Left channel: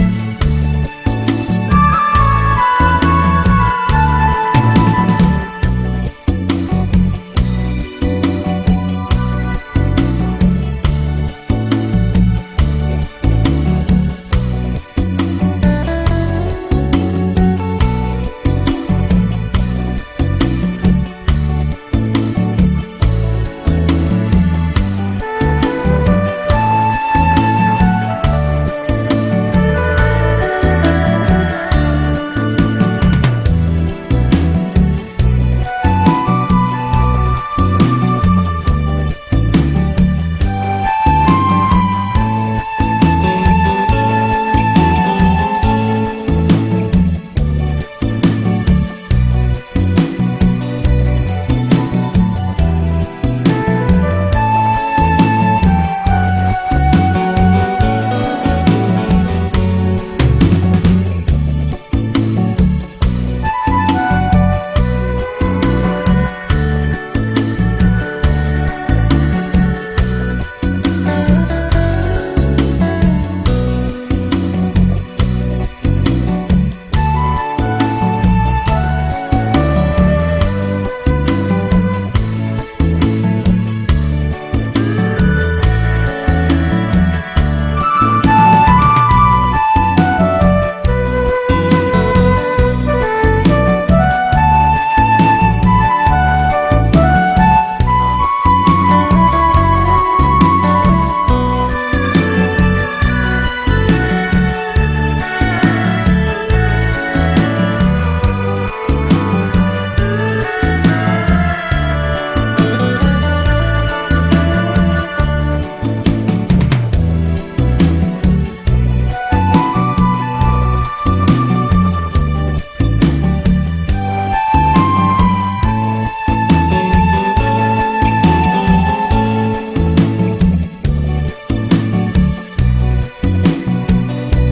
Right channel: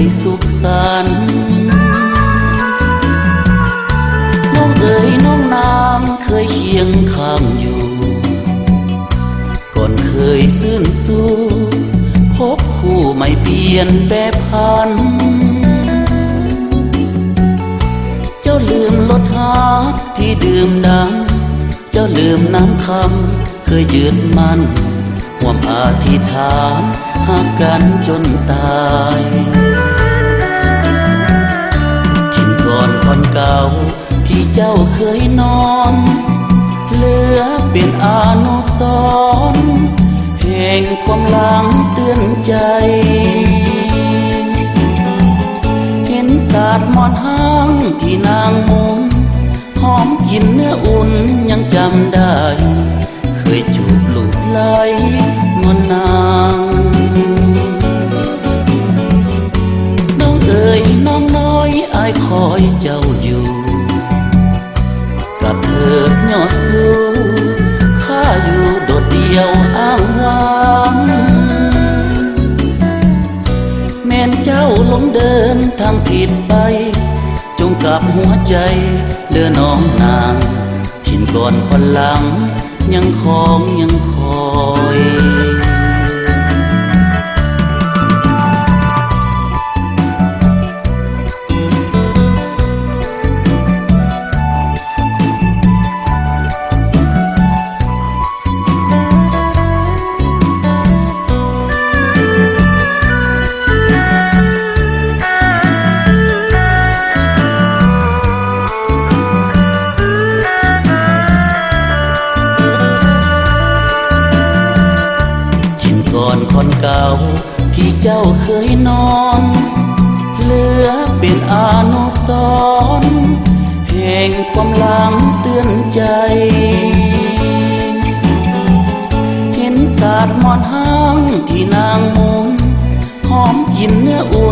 ยสุขสันต์น้องเอ๋ยน้องนางเคยเคียงข้างอยู่ก่อนเคยซื่นสู้พบคู่ไม่เปลี่ยนแปรพันเจ้าลืมรสหาที่ดื่มดังเจ้าลืมน้ำคำเคยยืนมั่นความอธิษฐานหากกันจนตายกินก่อนคนเก่าที่เจ้าเคยนอนเหลือเป็นอนุสรณ์แห่งความหลังเตือนใจเห็นศาสตร์มอนห้างที่นางมุนหอมกินเนื้ออุ่นยังจำได้เคยจูบลูบไหลมันนางน้องเอ๋ยน้องน้อยอายคอยเจ้าอยู่กับเถิดยอดสู้ข้าอยู่โดดเดี่ยวอ้างว้างแม่นเจ้าหลงเดินทางผิดไปจงกลับหัวใจเดินน้องนางขินก่อนคนหลังยังคองยังคอยคนเก่าที่เจ้าเคยนอนเหลือเป็นอนุสรณ์แห่งความหลังเตือนใจเห็นศาสตร์มอนห้างที่นางมุนหอมกินเนื้ออุ่น